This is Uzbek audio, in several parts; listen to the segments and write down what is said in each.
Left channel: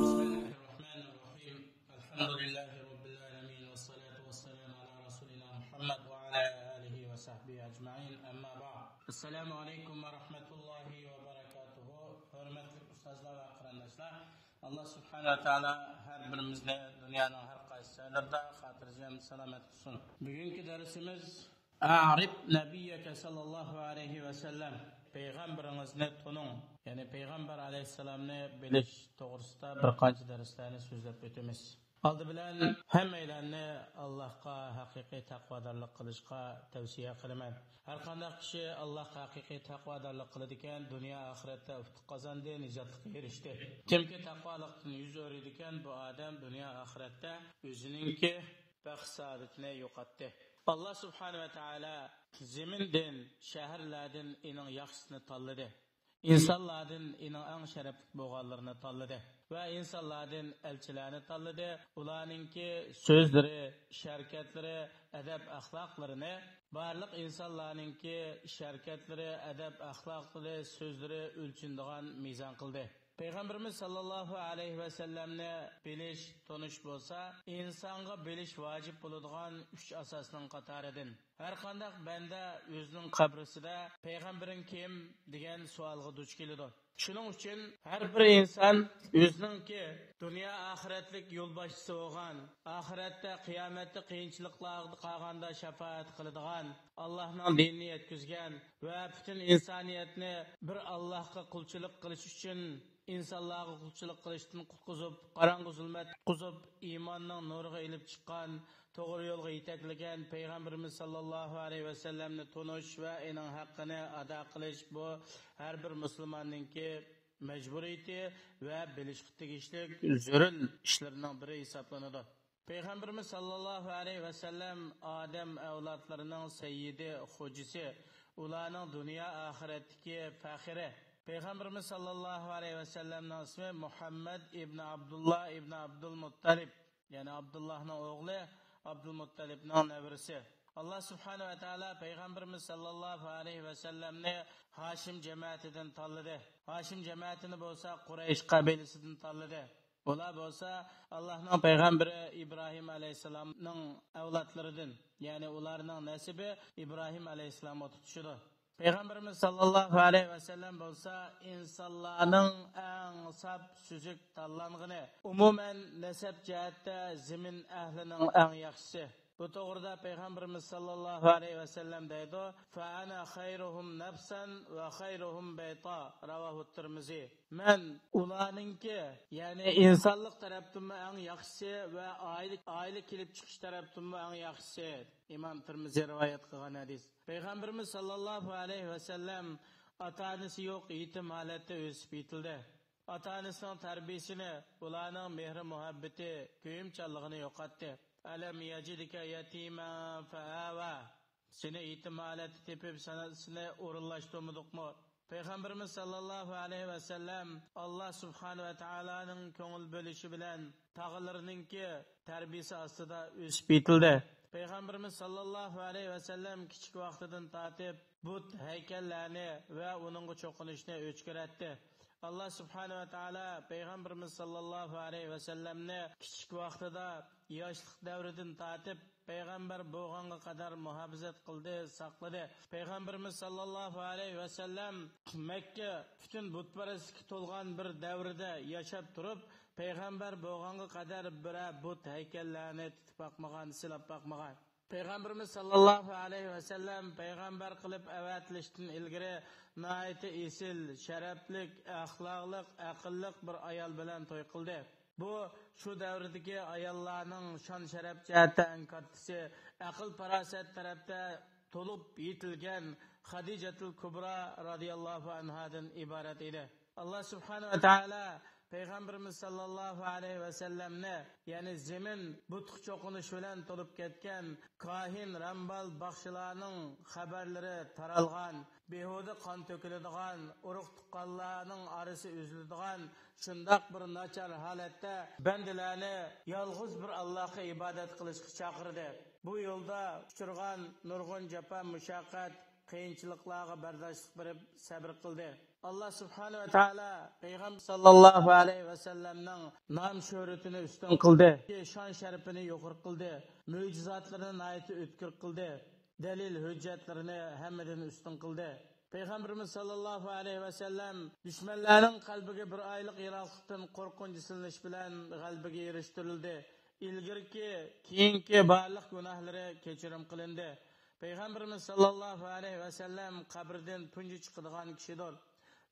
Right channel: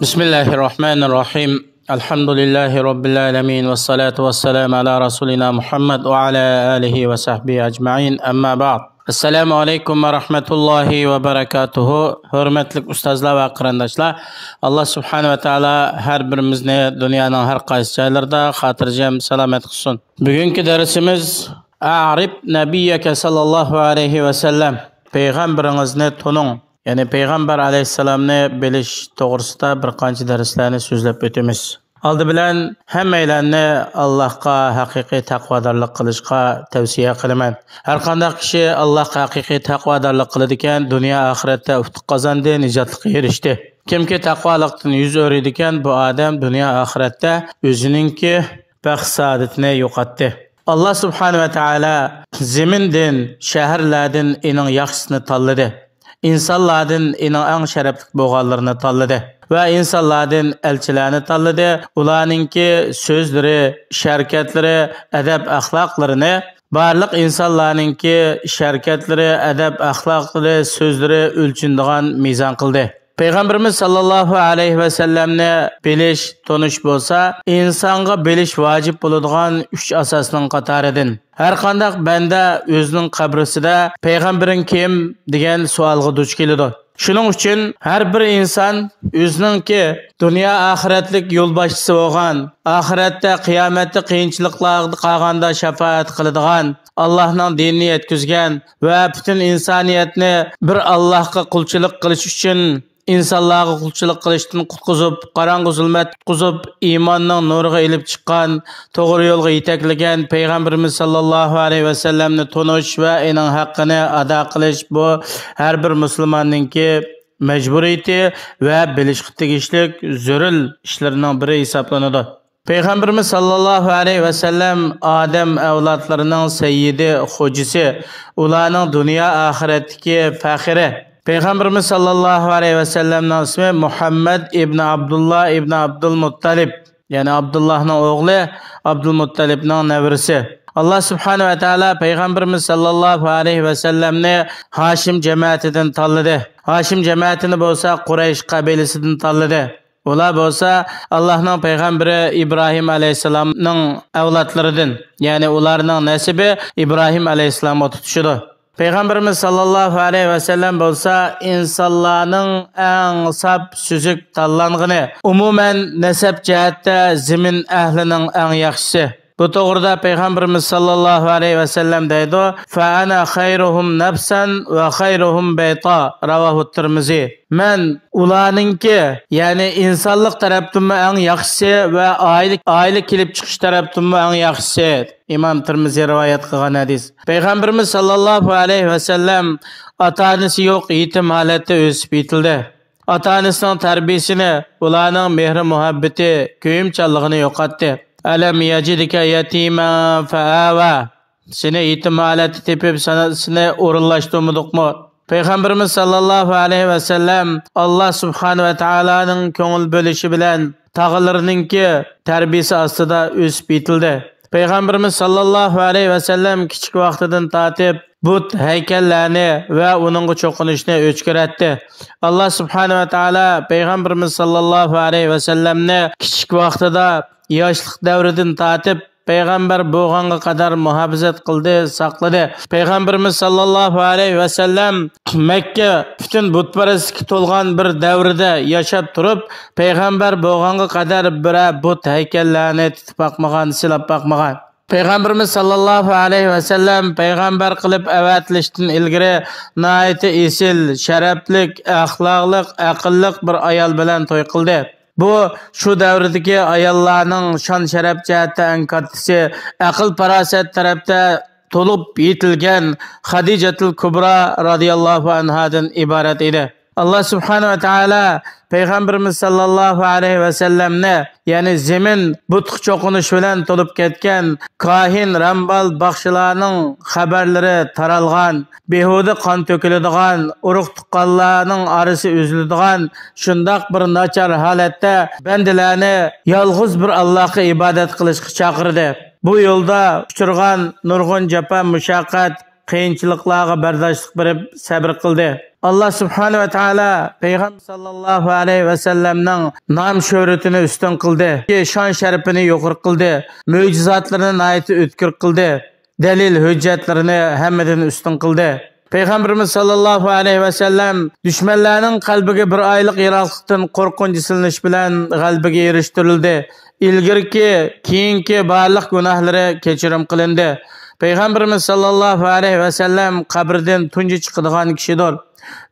Bismillahirrahmanirrahim. Elhamdülillahi Rabbil alemin ve salatu ve selamu ala Resulina Muhammed ve ala alihi ve sahbihi ecma'in. Amma ba'd. Assalamu alaikum ve rahmetullahi ve berekatuhu. Hürmetli ustazlar ve qarindoshlar. Allah subhanahu ve taala her birimizni dünyanın her qaysi joylarida xotirjam salomat qilsin. Bugungi darsimiz A'rib nabiyyaka sallallohu alayhi ve sellem. Peygamberinizni tunung. Yani Peygamber aleyhisselamni bilish to'g'risida bir qancha darslarni so'zlab o'tamiz. Oldi bilan hammalarni Allohga haqiqiy taqvodorlik qilishga tavsiya qilaman. Har qanday kishi Allohga haqiqiy taqvodorlik qiladi ekan, dunyo oxiratda utuq qozondi, nijotlikka erishdi. Kimki taqvolikdan yuz o'raydi ekan, bu odam dunyo oxiratda o'zininki baxt saodatini yo'qotdi. Allah subhanahu va taolo zamindan, shaharlardan eng yaxshisini tanladi. İnsanlardan eng sharafli bo'lganlarini tanladi va insonlardan elchilarni tanladi. Ularningki so'zlari, sharakatlari, adab axloqlarini barliq insonlarningki sharakatlari, adab axloqlari, so'zlari o'lchinadigan mezon qildi. Peygamberimiz sallallohu alayhi ve sellemni bilish, tonish bo'lsa, insonga bilish vojib bo'ladigan 3 asosning qatoridan. Har qanday banda o'zining qabrisida payg'ambaring kim degan savolga duch keladi. Shuning uchun har bir inson o'zininki dunyo oxiratlik yo'lboshchisi bo'lgan, oxiratda qiyomatda qiyinchiliklarga qolganda shafaat qiladigan, Allohning dinini yetkazgan va butun insoniyatni bir Allohga qulchilik qilish uchun insonlarga qulchilik qilishdan qutqizib, qorong'u zulmat qutqizib, iymonning nuriga ilib chiqqan, to'g'ri yo'lga yetaklagan payg'ambarimiz sallallohu alayhi va sallamni tonish va uning haqqini ado qilish bu har bir musulmonningki majburiyati va bilishga tegishli zarur ishlarning biri hisoblanadi. Peygamberimiz sallallohu alayhi ve sellem Adem avlodlarining sayyidi, xo'jisi, ularning dunyo oxiratdagi faxri. Peygamberimiz sallallahu aleyhi ve sellem'nin ismi Muhammed ibn Abdullah ibn Abdülmuttalib. Yani Abdullah'ın oğlu, Abdülmuttalib'nin nevrisi. Allah subhanahu ve teala Peygamberimiz sallallahu aleyhi ve sellem'ni Haşim cemaatinden tanladı. Haşim cemaatini bolsa Quraysh kabilesinden tanladı. Ular bolsa Allah'ın Peygamberi İbrahim aleyhisselam'ның evlatlarıdan. Yani ularning nasibi İbrahim aleyhisselam'a tutuşudu. Peygamberimiz sallallahu aleyhi ve sellem bolsa insonlarning eng sap süzük tanlangını, umumen nesep cihatte zimin ehlining eng yaxshisi. Bu to'g'rida Peygamberimiz sallallahu aleyhi ve sellem deydi: "Fa ana khayruhum nafsan ve khayruhum bayta." Ravahu Tirmizi. Men ularningki, yani insonlik tarafdan eng yaxshisi ve aile kelib chiqish tarafdan eng yaxshisi. İmam Tirmizi rivayet qilgan hadis. Peygamberimiz sallallahu aleyhi ve sellem ota-onasi yo'q yetim holatda o'sib yetildi. Ota-onasining tarbiyasini, ularning mehr muhabbati, kuyimchanligini yo'qotdi. Alam yacidika yatiman fa'awa. Seni yetim holatda tepib seni o'rinlashtirmadikmi? Peygamberimiz sallallahu aleyhi ve sellem Allah subhanahu ve taolaning ko'ngil bo'lishi bilan tog'alarininki tarbiyasi ostida o'sib yetildi. Peygamberimiz sallallahu aleyhi ve sellem kichik vaqtidan tatib but heykellerini ve onun çokunuşunu öçküretti. Allah subhanahu ve taala Peygamberimiz sallallahu aleyhi ve sellemni kichik vaqtida yoshlik davridan tatib Peygamber bo'lganga qadar muhofazat qildi, saqladi. Peygamberimiz sallallohu alayhi va sallam Makka bütün butparastlikka to'lgan bir davrida yashab turib, Peygamber bo'lganga qadar bir but haykallarni titib boqmagan, silab boqmagan. Peygamberimiz sallallohu alayhi va sallam Peygamber qilib avatilishdan ilgari nihoyat esil, sharaflik, axloqlik, aqlliq bir ayol bilan to'y qildi. Bu şu davrdagi ayollarning shon sharaf jihatda eng kattasi, aql farosat tarafda to'lib yetilgan Hadijatul Kubra radhiyallohu anhadan iborat edi. Allah subhanahu ve taala Peygamberimiz sallallahu aleyhi ve sellemne, yani zemin butuk çokunuş bilen tolup ketken, kahin, rambal, bakşılarının haberleri taralgan, behude kan tökülüdügan, uruk tuqqanlarının arısı üzülüdügan, şundak bir naçar halette bendilerini yalğız bir Allah'a ibadet kılışkı çakırdı. Bu yolda uçurgan nurgun cepa müşakkat, qiyinchiliklarga bardoshlik berib sabr qildi. Allah subhanahu va taolo payg'ambar sallallohu alayhi va sallamning nom shuhratini ustun qildi, shon sharafini yuqori qildi, mo'jizotlarini nihoyat o'tkir qildi, dalil hujjatlarini hammadan ustun qildi. Peygamberimiz sallallahu aleyhi ve sellem düşmanlarının qalbiga bir oylik yiroqlikdan qo'rqinch silinish bilan g'alabaga erishtirildi. İlgirki, keyingi barliq gunohlari kechirim qilindi. Peygamberimiz sallallahu aleyhi ve sellem qabrdan tunji chiqadigan kishidir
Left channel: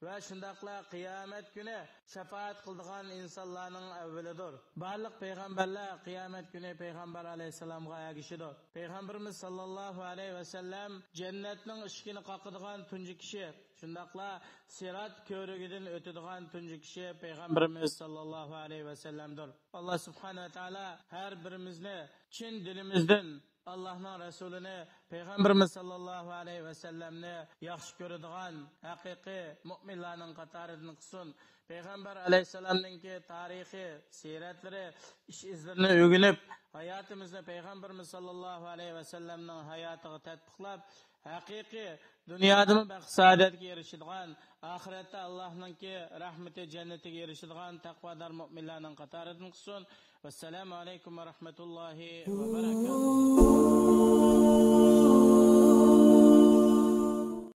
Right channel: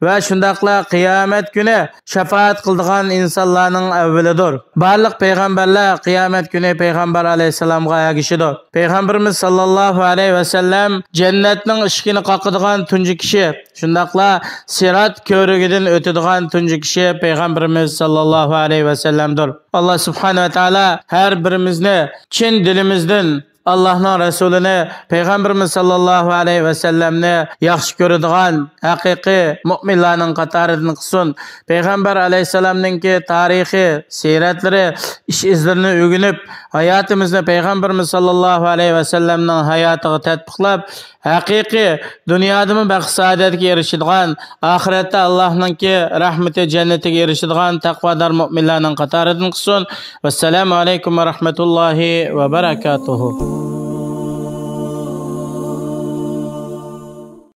ve shundaqla qiyomat kuni shafaat qiladigan insonlarning avvalidir. Barliq payg'ambarlar qiyomat kuni payg'ambar alayhisalomga ergashidir. Peygamberimiz sallallohu alayhi ve sellem jannatning eshigini qoqadigan tunji kishi, shundaqla sirat ko'rigidan o'tadigan tunji kishi payg'ambarimiz sallallohu alayhi ve sellemdir. Allah subhanahu va taolo har birimizni chin dilimizdan Allah'ın Resulüne, Peygamberimiz sallallahu aleyhi ve sellemne yaxshi ko'radigan haqiqiy mu'minlarning qatoridan qilsin. Peygamber aleyhisselamninki tarihi, siyratlari, ish izlarini o'rganib, hayotimizni Peygamberimiz sallallahu aleyhi ve sellemning hayotiga tatbiqlab, haqiqiy dunyodami baxt saodatga erishadigan, oxiratda Allohninki rahmati jannatiga erishadigan taqvodor mu'minlarning qatoridan qilsin. Vassalamu alaykum va rahmatullohi va barakatuh.